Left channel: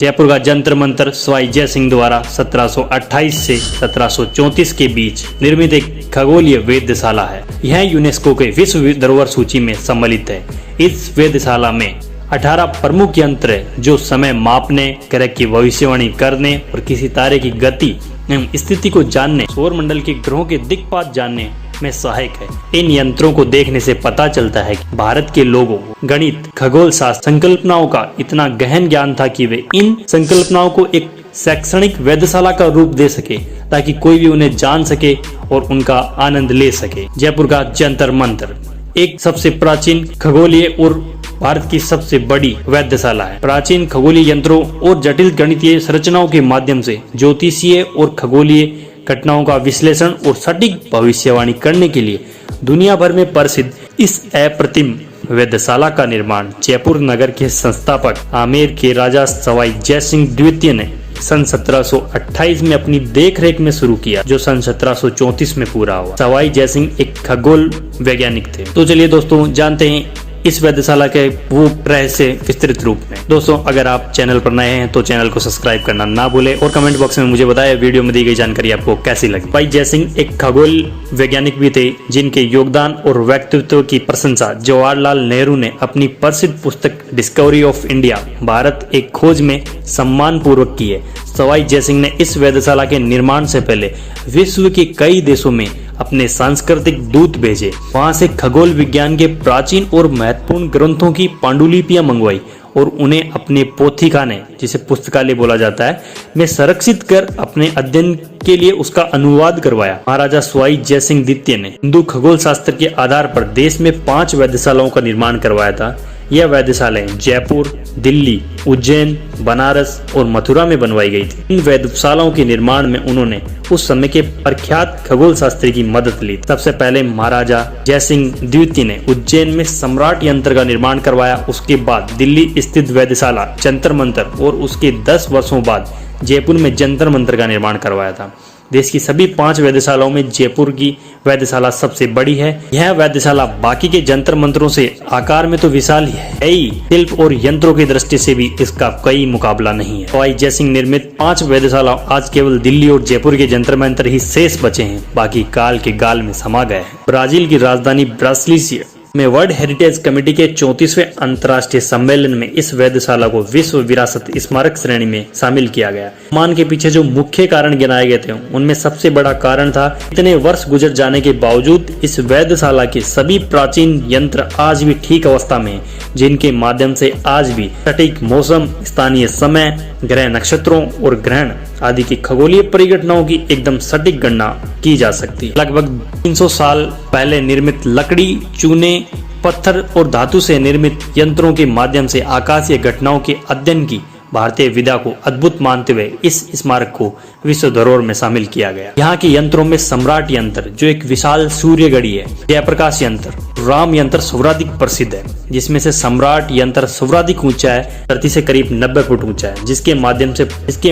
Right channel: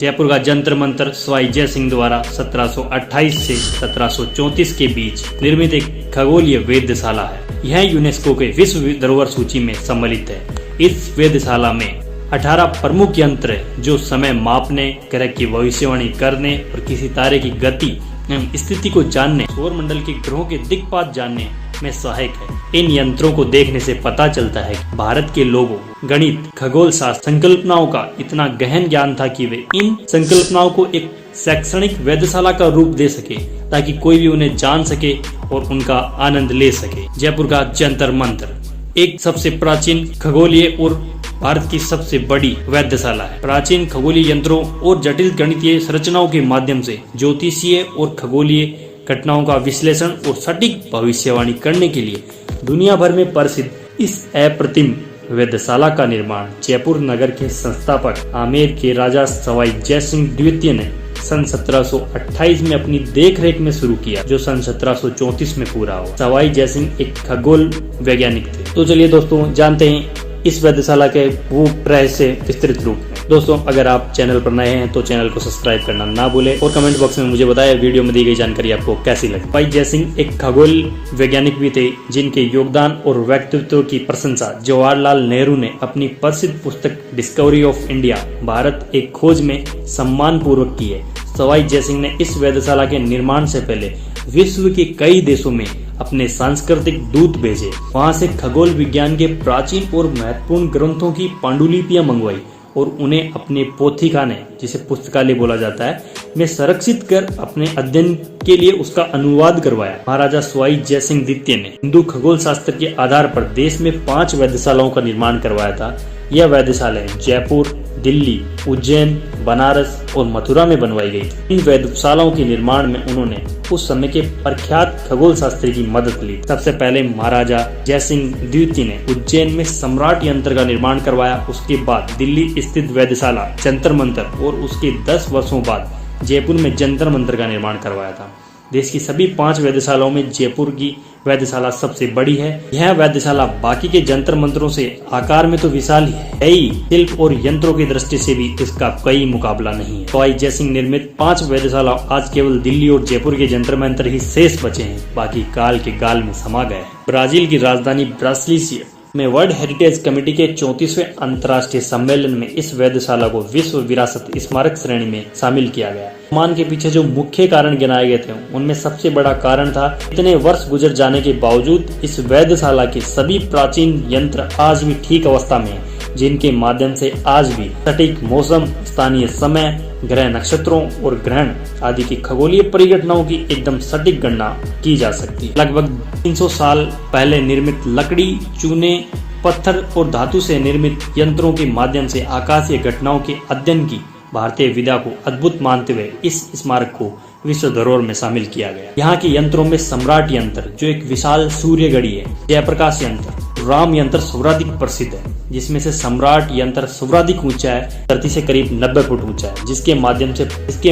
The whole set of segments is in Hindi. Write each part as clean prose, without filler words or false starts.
जयपुर का जंतर मंतर सवाई जय सिंह द्वारा 1728 से 1734 के बीच निर्मित एक खगोलीय वेधशाला है। यह यूनेस्को के विश्व धरोहर सूची में सम्मिलित है। इस वेधशाला में 18 प्रमुख यंत्र है जो समय मापने, ग्रह की भविष्यवाणी करने और किसी तारे की गति एवं स्थिति को जानने, सौर मंडल के ग्रहों के दिक्पात जानने में सहायक है। इन यंत्रों को देखने से पता चलता है कि भारत के लोगों को गणित, खगोल शास्त्र, संकल्पनाओं का इतना गहन ज्ञान था कि वे इन संकल्पनाओं को एक शैक्षणिक वेधशाला का रूप दे सके ताकि कोई भी उन्हें जान सके और उनका आनंद ले सके। जयपुर का जंतर मंतर एक सबसे प्राचीन खगोलीय और भारत की सबसे बड़ी वेधशाला है। प्राचीन खगोलीय यंत्रों और जटिल गणितीय संरचनाओं के माध्यम से ज्योतिषीय और खगोलीय घटनाओं का विश्लेषण और सटीक भविष्यवाणी करने के लिए दुनिया भर में प्रसिद्ध इस अप्रतिम वेधशाला का निर्माण जयपुर नगर के संस्थापक आमेर के राजा सवाई जय सिंह द्वितीय ने सन 1728 में अपनी देखरेख में शुरू किया, जो सन 1734 में पूरा हुआ। सवाई जय सिंह एक खगोल वैज्ञानिक थे। तो चलिए दोस्तों जानते हैं इस वेधशाला के वो रहस्य विस्तृत रूप में। दोस्तों अगर आप चैनल पर नए हैं तो चैनल को सब्सक्राइब करना ना भूले और कमेंट बॉक्स में मुझे बताएं वीडियो में दी गई जानकारी आपको कैसी लगी। सवाई जय सिंह एक खगोल वैज्ञानिक भी थे जिनके योगदान और व्यक्तित्व की प्रशंसा जवाहरलाल नेहरू ने अपनी प्रसिद्ध पुस्तक डिस्कवरी ऑफ इंडिया भारत एक खोज में सम्मान पूर्वक की है। सवाई जय सिंह ने इस वेधशाला के निर्माण से पहले विश्व के कई देशों में अपने सांस्कृतिक दूत भेजे। वहां से खगोल विज्ञान के प्राचीन और महत्वपूर्ण ग्रंथों की पांडुलिपियां मंगवाई और उन्हें अपने पोथीखाने, जिसे पुस्तकालय बोला जाता है, में संरक्षित कर अपने अध्ययन के लिए उसका अनुवाद करवाया। महाराजा सवाई जय सिंह द्वितीय ने हिंदू खगोल शास्त्र के आधार पर देश में 5 वेधशालाओं का निर्माण करवाया था। यह वेधशालाएं जयपुर, दिल्ली, उज्जैन, बनारस और मथुरा में बनवाई गई थी। इन वेधशालाओं के निर्माण में उन्होंने उस समय के प्रख्यात खगोल शास्त्री की मदद ली। सबसे पहले महाराजा जय सिंह द्वितीय ने उज्जैन में सम्राट यंत्र का निर्माण करवाया। उसके बाद दिल्ली स्थित वेधशाला जंतर मंतर और उसके 10 वर्षों बाद जयपुर में जंतर मंतर का निर्माण करवाया था। देश की सभी 5 वेधशालाओं में जयपुर की वेधशाला सबसे बड़ी है। यह वेधशाला बाकी के जंतर मंतरों से आकार में तो विशाल है ही, शिल्प और यंत्रों की दृष्टि से भी इसका कोई मुकाबला नहीं है। सवाई जय सिंह निर्मित 5 वेधशाला आज केवल दिल्ली और जयपुर के जंतर मंतर ही शेष बचे हैं, बाकी काल के गाल में समा गए हैं। ब्राजील की राजधानी ब्रासिलिया में वर्ल्ड हेरिटेज कमेटी के 34वें अंतर्राष्ट्रीय सम्मेलन में इस वेधशाला को विश्व विरासत स्मारक श्रेणी में शामिल किया गया। मान के पीछे जो मुख्य कारण गिनाए गए थे उनमें सबसे बड़ा कारण था इतने वर्ष गुजर जाने के बावजूद इस वेधशाला के सभी प्राचीन यंत्र आज भी ठीक अवस्था में हैं, जिनके माध्यम से आज भी सटीक मौसम, स्थानीय समय, ग्रह नक्षत्रों और ग्रहण आदि की खगोलीय परिघटनाओं की एकदम सटीक गणना की जा सकती है। लगभग 300 साल पहले निर्मित लकड़ी, चूने, पत्थर और धातु से निर्मित यंत्रों के माध्यम से आकाशीय घटनाओं के अध्ययन की भारतीय विधा को अद्भुत मानते हुए इस स्मारक को विश्व धरोहर में शामिल किया गया। यहाँ के यंत्रों में सम्राट यंत्र जो एक विशाल सूर्य घड़ी है, जयप्रकाश यंत्र, राम यंत्र सर्वाधिक प्रसिद्ध है, जिसमें से सम्राट यंत्र सर्वाधिक ऊंचा है, धरती से करीब 90 फुट ऊंचा है, जिसके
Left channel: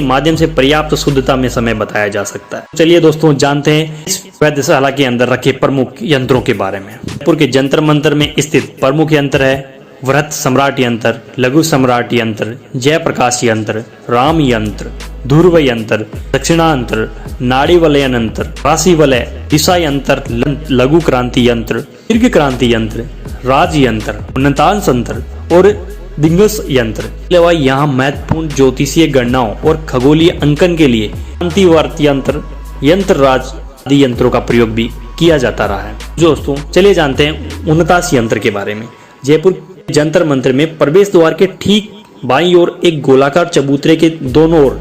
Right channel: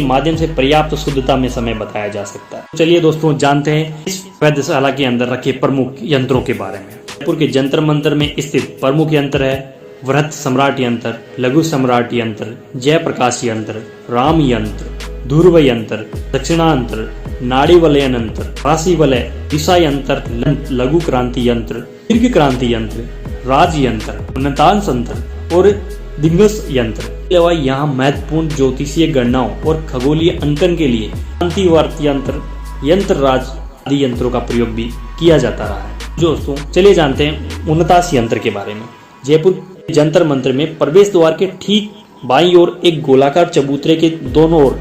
माध्यम से पर्याप्त शुद्धता में समय बताया जा सकता है। चलिए दोस्तों जानते हैं इस वेधशाला के अंदर रखे प्रमुख यंत्रों के बारे में। जयपुर के जंतर मंतर में स्थित प्रमुख यंत्र है वृहत सम्राट यंत्र, लघु सम्राट यंत्र, जयप्रकाश यंत्र, राम यंत्र, ध्रुव यंत्र, दक्षिणांतर, नाड़ी वलयन यंत्र, राशि वलय, दिशा यंत्र, लघु क्रांति यंत्र, दीर्घ क्रांति यंत्र, राज यंत्र, उन्नतांश यंत्र और दिग्गज यंत्र। यहाँ महत्वपूर्ण ज्योतिषीय गणनाओं और खगोलीय अंकन के लिए क्रांतिवर्त यंत्र, यंत्र राज आदि यंत्रों का प्रयोग भी किया जाता रहा है। दोस्तों चलिए जानते हैं उन्नतांश यंत्र के बारे में। जयपुर जंतर मंतर में प्रवेश द्वार के ठीक बाईं ओर एक गोलाकार चबूतरे के दोनों ओर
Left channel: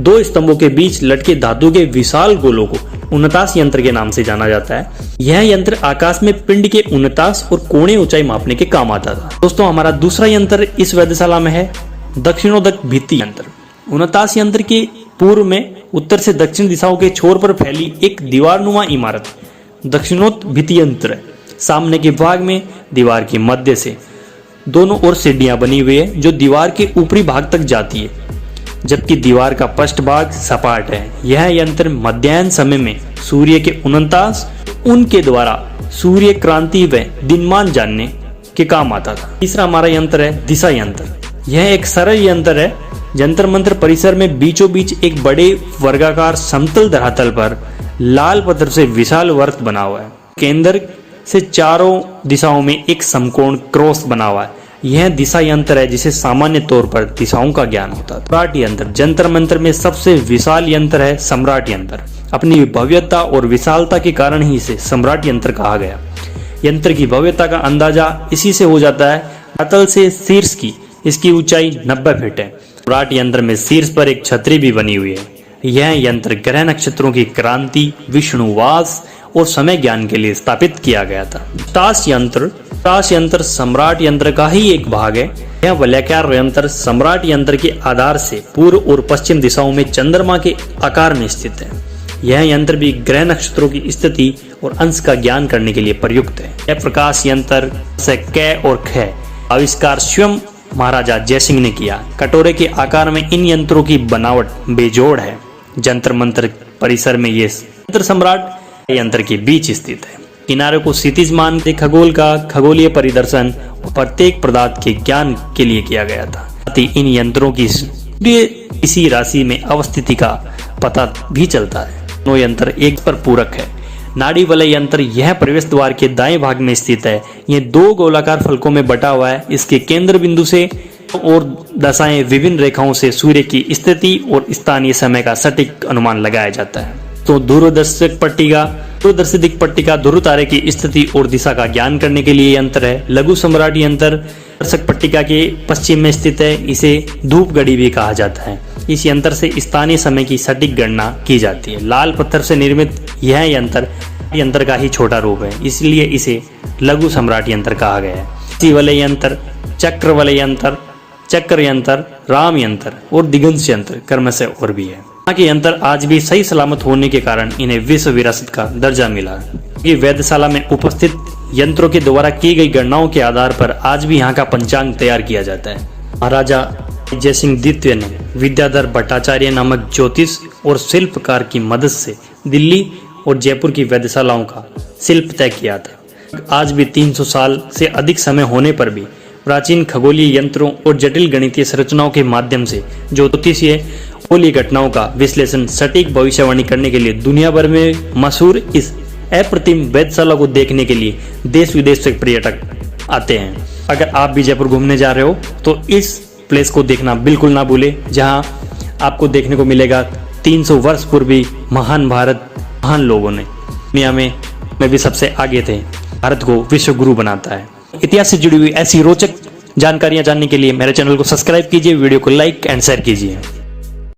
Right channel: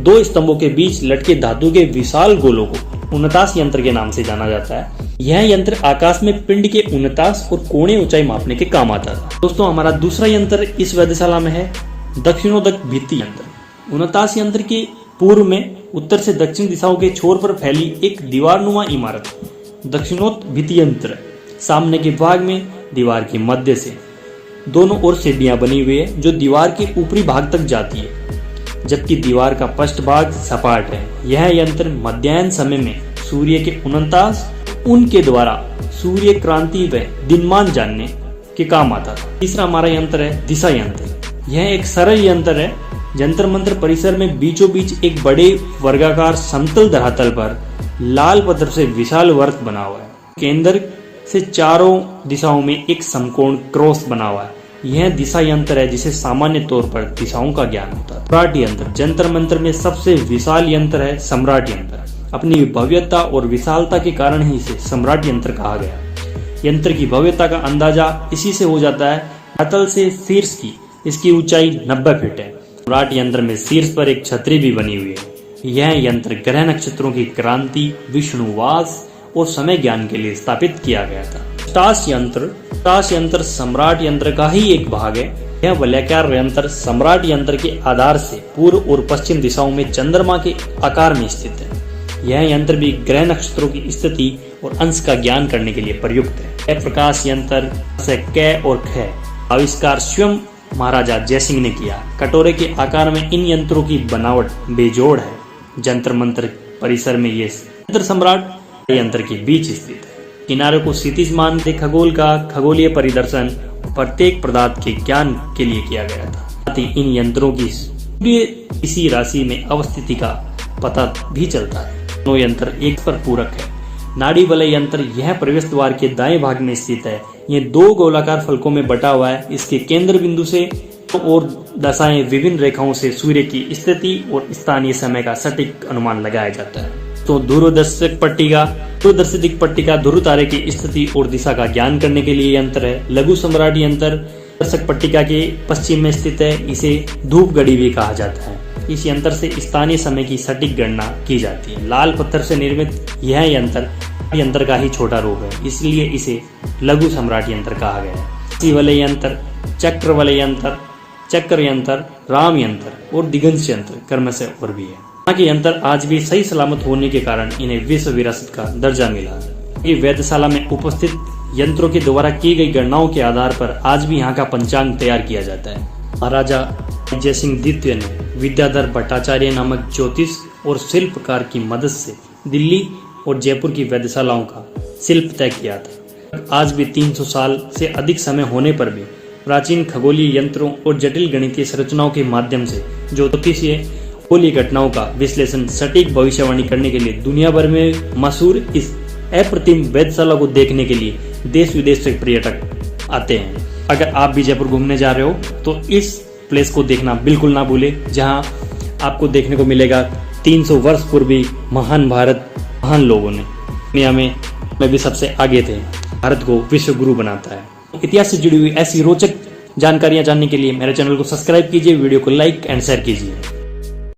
2 स्तंभों के बीच लटके धातु के विशाल गोलों को उन्नतांश यंत्र के नाम से जाना जाता है। यह यंत्र आकाश में पिंड के उन्नतांश और कोणीय ऊंचाई मापने के काम आता था। दोस्तों हमारा दूसरा यंत्र इस वेधशाला में है दक्षिणोदक भित्ति यंत्र। उन्नतांश यंत्र के पूर्व में उत्तर से दक्षिण दिशाओं के छोर पर फैली एक दीवारनुमा इमारत दक्षिणोत भित्ति यंत्र। सामने के भाग में दीवार के मध्य से दोनों ओर सीढ़ियां बनी हुई है जो दीवार के ऊपरी भाग तक जाती है, जबकि दीवार का पृष्ठ भाग सपाट है। यह यंत्र मध्याह्न समय में सूर्य के उन्नतांश, उनके द्वारा सूर्य क्रांति व दिनमान जानने के काम आता था। तीसरा हमारा यंत्र है दिशा यंत्र। यह एक सरल यंत्र है जंतर मंतर परिसर में बीचों बीच एक बड़े वर्गाकार समतल धरातल पर लाल पत्थर से विशाल वर्त बना हुआ है। केंद्र से चारों दिशाओं में एक समकोण क्रॉस बना हुआ है। यह दिशा यंत्र है जिसे सामान्य तौर पर दिशाओं का ज्ञान होता है। सम्राट यंत्र जंतर मंतर में सबसे विशाल यंत्र है। सम्राट यंत्र अपनी भव्यता और विशालता के कारण ही इसे सम्राट यंत्र कहा गया। यंत्र की भव्यता का अंदाजा इसी से हो जाता है। धरातल से शीर्ष की इसकी ऊंचाई 90 फीट है। सम्राट यंत्र में शीर्ष पर एक छतरी भी बनी हुई है। यह यंत्र ग्रह नक्षत्रों की क्रांति, विष्णुवास और समय ज्ञान के लिए स्थापित किया गया था। ताश यंत्र सम्राट यंत्र का ही एक भाग है। यह वलयाकार यंत्र सम्राट यंत्र के आधार से पूर्व और पश्चिम दिशाओं में चंद्रमा के आकार में स्थित है। यह यंत्र भी ग्रह नक्षत्रों की स्थिति और अंश का ज्ञान करने के लिए प्रयुक्त है। यह प्रकाश यंत्र से क और ख आविष्कार स्वयं महाराजा जयसिंह ने किया। कटोरे के आकार में इन यंत्रों की बनावट बेजोड़ है। जंतर मंतर परिसर में ये यंत्र सम्राट यंत्र के बीच स्थित है। किनारे को क्षितिज मान से खगोल का खगोलीय परिदर्शन प्रत्येक पदार्थ के ज्ञान के लिए किया गया था। साथ ही इन यंत्रों की इसी राशि में अवस्थिति का पता भी चलता है। दोनों यंत्र एक पर पूरक है। नाड़ी वलय यंत्र यह प्रवेश द्वार के दाएं भाग में स्थित है। यह 2 गोलाकार फलकों में बटा हुआ है। इसके केंद्र बिंदु से और दशाएं विभिन्न रेखाओं से सूर्य की स्थिति और स्थानीय समय का सटीक अनुमान लगाया जाता है। तो दूरदर्शिक पट्टिका ध्रुव तारे की स्थिति और दिशा का ज्ञान करने के लिए यंत्र है। लघु सम्राट यंत्र दर्शक पट्टिका के पश्चिम में स्थित है। इसे धूप घड़ी भी कहा जाता है। इस यंत्र से स्थानीय समय की सटीक गणना की जाती है। लाल पत्थर से निर्मित यह यंत्र का ही छोटा रूप है, इसलिए इसे लघु सम्राट यंत्र कहा गया है। वलय यंत्र, चक्र वलय यंत्र, चक्र यंत्र, राम यंत्र और दिगंश यंत्र क्रमशः और भी है। यहाँ के यंत्र आज भी सही सलामत होने के कारण इन्हें विश्व विरासत का दर्जा मिला। ये वेधशाला में उपस्थित यंत्रों के द्वारा की गई गणनाओं के आधार पर आज भी यहाँ का पंचांग तैयार किया जाता है। महाराजा जयसिंह द्वितीय ने विद्याधर भट्टाचार्य नामक ज्योतिष और शिल्पकार की मदद से दिल्ली और जयपुर की वेधशालाओं का शिल्प तय किया था। आज भी 300 साल से अधिक समय होने पर भी प्राचीन खगोलीय यंत्रों और जटिल गणितीय संरचनाओं के माध्यम से ज्योतिषीय खगोलीय घटनाओं का विश्लेषण, सटीक भविष्यवाणी करने के लिए दुनिया भर में मशहूर इस अप्रतिम वेधशाला को देखने के लिए देश विदेश से पर्यटक आते हैं। अगर आप भी जयपुर घूमने जा रहे हो तो इस प्लेस को देखना बिल्कुल ना भूले, जहां आपको देखने को मिलेगा 300 वर्ष पूर्वी महान लोगों ने दुनिया में भी सबसे आगे थे, भारत को विश्व गुरु बनाता है। इतिहास से जुड़ी हुई ऐसी रोचक जानकारियां जानने के लिए मेरे चैनल को सब्सक्राइब कीजिए, वीडियो को लाइक एंड शेयर कीजिए।